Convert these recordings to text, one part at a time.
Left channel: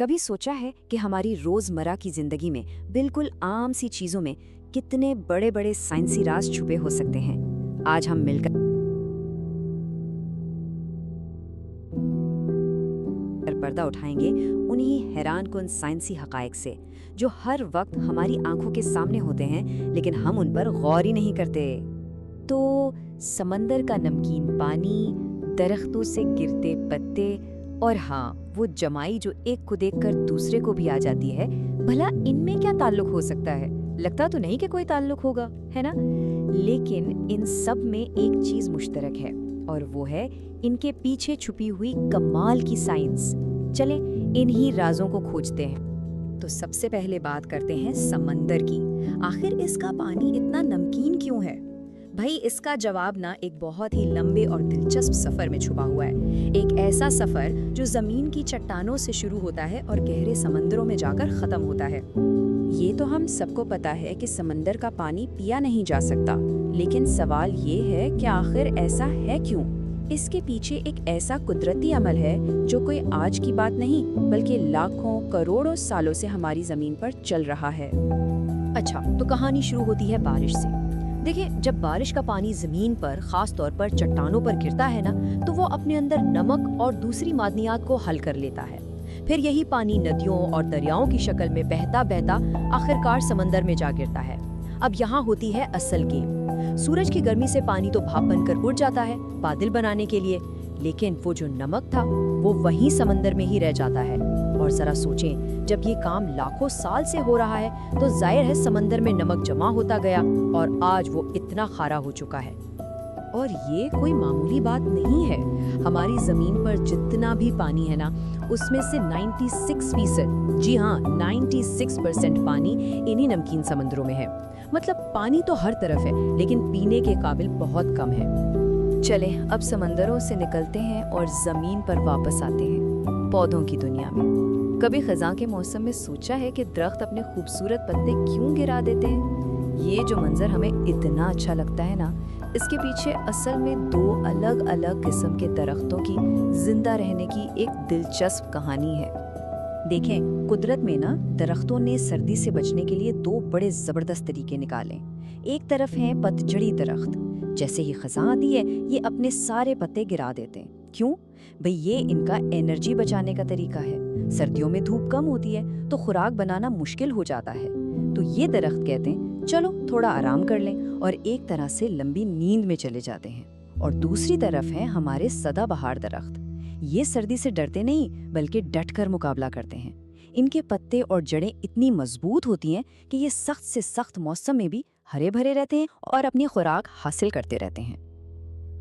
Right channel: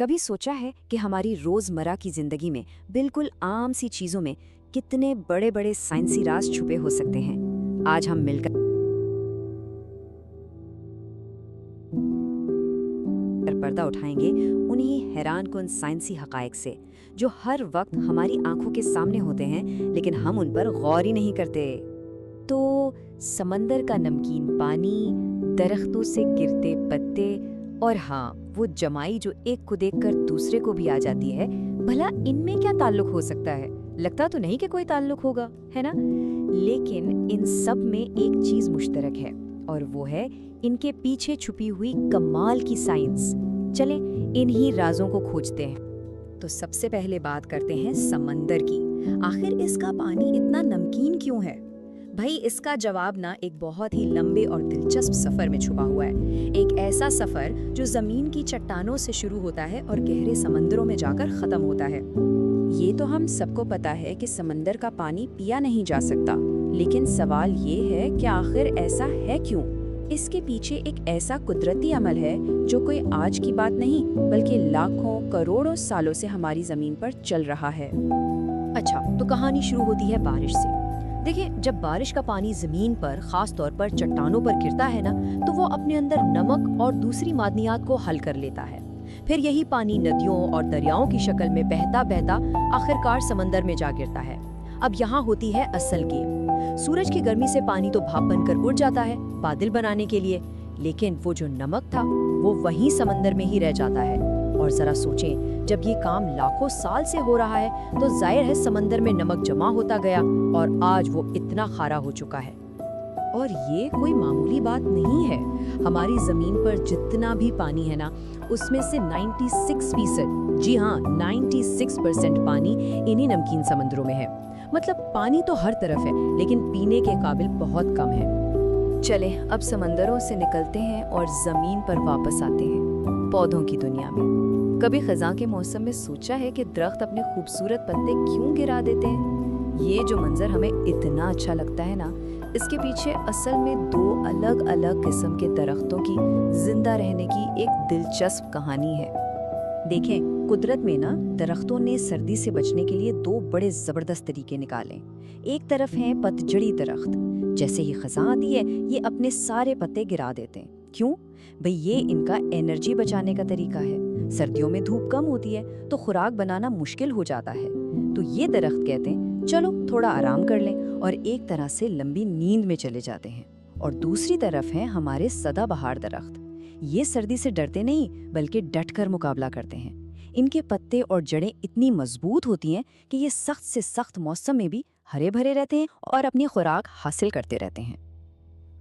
کبھی سوچا ہے کہ ہماری روزمرہ کی زندگی میں بالکل عام سی چیزوں میں کتنے بڑے بڑے سائنسی راز چھپے ہو سکتے ہیں؟ آج ہم مل کر پردہ اٹھائیں گے انہی حیران کن سائنسی حقائق سے جو ہر وقت ہماری آنکھوں کے سامنے ہوتے ہیں لیکن ہم ان پر غور ہی نہیں کرتے۔ تو سمندر کا نمکین پانی، درختوں سے گرتے پتے، اور ہاں وہ جمائی جو ایک کو دیکھ کر دوسرے کو بھی آ جاتی ہے، بھلا ان میں کیا تعلق ہو سکتا ہے؟ لگتا تو نہیں کہ کوئی تعلق ہوگا، ہے نا؟ لیکن ان سب میں ایک چیز مشترک ہے، اور وہ ہے ان کے پیچھے چھپی ہوئی کمال کی سائنس۔ چلیں انہی رازوں کو کھوجتے ہیں۔ تو سب سے پہلے بات کرتے ہیں سمندر کی۔ آخر اس کا پانی اتنا نمکین کیوں ہے؟ بھائی اس کا جواب نا ایک بہت ہی لمبے اور دلچسپ سفر میں چھپا ہوا ہے۔ ایک ایسا سفر جو زمین کی چٹانوں سے شروع ہوتا ہے اور گہرے سمندروں میں جا کر ختم ہوتا ہے۔ یہ تو ہم سب کو پتا ہے کہ سمندر کا پانی پیا نہیں جا سکتا، لیکن سوال یہ ہے کہ آخر ایسا ہے کیوں؟ اس کے پیچھے ایک ایسا قدرتی عمل ہے جو کوئی آج کی بات نہیں بلکہ لاکھوں کروڑوں سالوں سے ہماری زمین پر چل رہا ہے۔ اچھا، تو کہانی شروع ہوتی ہے بارش سے۔ دیکھیں، جب بارش کا پانی زمین پر، خاص طور پر چٹانوں پر گرتا ہے نا، تو وہ اپنے اندر نمک اور دوسری معدنیات کو حل کر لیتا ہے۔ پھر یہی پانی ندیوں اور دریاؤں کی شکل میں بہتا بہتا آخرکار سمندر میں جا گرتا ہے۔ اب یہاں ہوتی ہے اصل گیم۔ سورج کی گرمی سے پانی تو بھاپ بن کر اڑ جاتا ہے بادل بنانے کے لیے، لیکن وہ جو نمک تھا وہ وہیں سمندر میں ہی رہ جاتا ہے۔ اور ذرا سوچیں، جب یہ کام لاکھوں سال سے ہو رہا ہے تو ظاہر ہے سمندر میں نمک جمع ہوتا گیا اور آج وہ اتنا کھارا ہو چکا ہے۔ اور یہ کوئی معمولی بات نہیں ہے۔ ہماری زمین پر جتنا بھی پانی ہے نا، اس میں سے 96%، جی ہاں 96% پانی انہی نمکین سمندروں میں ہے۔ مطلب پانی تو ہر طرف ہے لیکن پینے کے قابل بہت کم ہے۔ چلیں اب سمندروں سے نکلتے ہیں اور زمین پر واپس آتے ہیں، پودوں کی دنیا میں۔ کبھی خزاں کے موسم میں سوچا ہے کہ درخت اپنے خوبصورت پتے کیوں گرا دیتے ہیں؟ یہ جو منظر ہمیں اتنا اچھا لگتا ہے نا، اس کے پیچھے اصل میں دو الگ الگ قسم کے درختوں کی زندہ رہنے کی ایک دلچسپ کہانی ہے۔ دیکھیں، قدرت میں نا درختوں نے سردی سے بچنے کے لیے دو بڑے زبردست طریقے نکالے۔ ایک طرف ہیں پتجھڑی درخت، جیسے ہی خزاں آتی ہے یہ اپنے سارے پتے گرا دیتے ہیں۔ کیوں؟ بھئی یہ ان کا انرجی بچانے کا طریقہ ہے۔ سردیوں میں دھوپ کم ہوتی ہے تو خوراک بنانا مشکل ہو جاتا ہے، تو یہ درخت کہتے ہیں چلو تھوڑا آرام کر لیں، اور ایک طرح سے لمبی نیند میں چلے جاتے ہیں۔ اور دوسری طرف ہیں ہمارے سدا بہار درخت۔ یہ سردی سے ڈرتے نہیں بلکہ ڈٹ کر مقابلہ کرتے ہیں۔ ان کے پتے اور جڑیں اتنی مضبوط ہوتی ہیں کہ یہ سخت سے سخت موسم میں بھی ہرے بھرے رہتے ہیں اور اپنی خوراک حاصل کرتے رہتے ہیں۔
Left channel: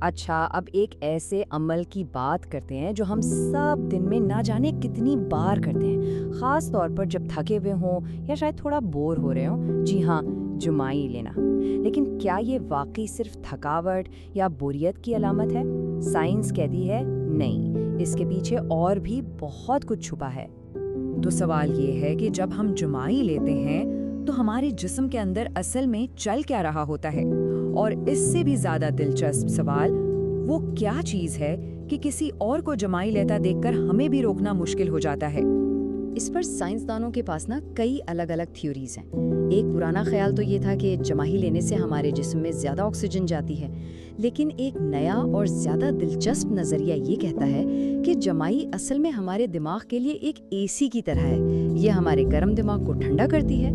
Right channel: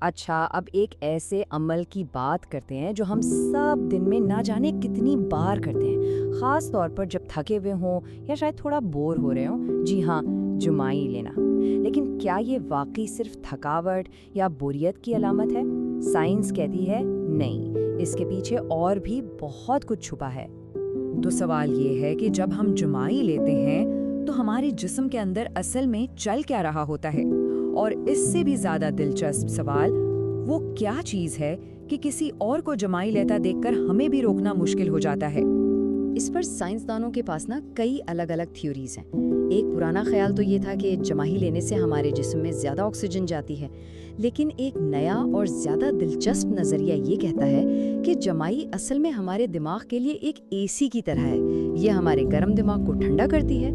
اچھا، اب ایک ایسے عمل کی بات کرتے ہیں جو ہم سب دن میں نہ جانے کتنی بار کرتے ہیں، خاص طور پر جب تھکے ہوئے ہوں یا شاید تھوڑا بور ہو رہے ہوں۔ جی ہاں، جمائی لینا۔ لیکن کیا یہ واقعی صرف تھکاوٹ یا بوریت کی علامت ہے؟ سائنس کہتی ہے نہیں، اس کے پیچھے اور بھی بہت کچھ چھپا ہے۔ تو سوال یہ ہے کہ جب ہم جمائی لیتے ہیں تو ہمارے جسم کے اندر اصل میں چل کیا رہا ہوتا ہے؟ اور اس سے بھی زیادہ دلچسپ سوال، وہ کیا چیز ہے کہ کسی اور کو جمائی لیتا دیکھ کر ہمیں بھی روکنا مشکل ہو جاتا ہے؟ اس پر سائنسدانوں کے پاس نا کئی الگ الگ تھیوریز ہیں۔ ایک پرانا خیال تو یہ تھا کہ جمائی لینے سے ہمارے جسم میں زیادہ آکسیجن جاتی ہے، لیکن ایک نیا اور زیادہ دلچسپ نظریہ یہ کہتا ہے کہ جمائی اصل میں ہمارے دماغ کے لیے ایک اے سی کی طرح ہے۔ یہ ہمارے گرم دماغ کو ٹھنڈا کرتی ہے۔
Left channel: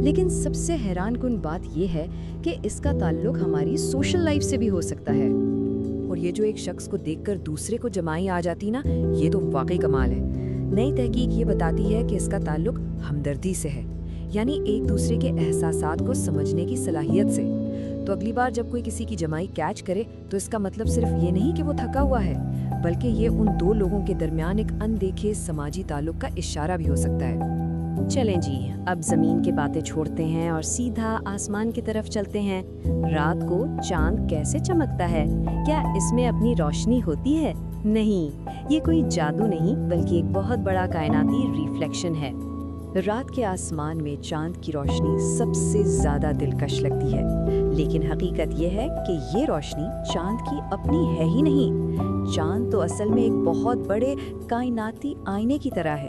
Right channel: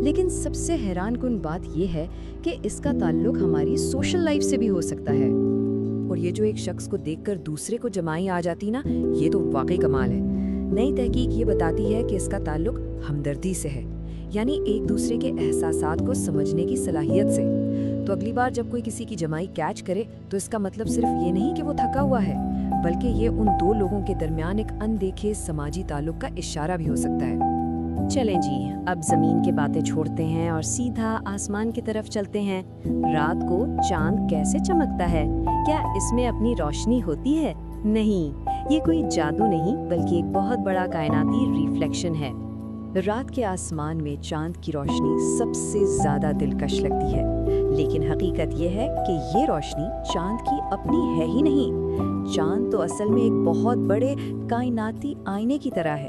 لیکن سب سے حیران کن بات یہ ہے کہ اس کا تعلق ہماری سوشل لائف سے بھی ہو سکتا ہے۔ اور یہ جو ایک شخص کو دیکھ کر دوسرے کو جمائی آ جاتی نا، یہ تو واقعی کمال ہے۔ نئی تحقیق یہ بتاتی ہے کہ اس کا تعلق ہمدردی سے ہے، یعنی ایک دوسرے کے احساسات کو سمجھنے کی صلاحیت سے۔ تو اگلی بار جب کوئی کسی کی جمائی کیچ کرے تو اس کا مطلب صرف یہ نہیں کہ وہ تھکا ہوا ہے، بلکہ یہ ان دو لوگوں کے درمیان ایک اندیکھے سماجی تعلق کا اشارہ بھی ہو سکتا ہے۔ چلیں جی، اب زمین کے باتیں چھوڑتے ہیں اور سیدھا آسمان کی طرف چلتے ہیں۔ رات کو چاند کیسے چمکتا ہے؟ کیا اس میں اپنی روشنی ہوتی ہے؟ نہیں، یہ کوئی جادو نہیں بلکہ ایک بہت بڑا کائناتی ریفلیکشن ہے۔ رات کے آسمان میں چاند کی روشنی سب سے زیادہ دلکش لگتی ہے، لیکن حقیقت یہ ہے کہ یہ روشنی چاند کی اپنی ہے ہی نہیں۔ چاند تو اصل میں ایک بہت بڑے کائناتی آئینے کی طرح ہے۔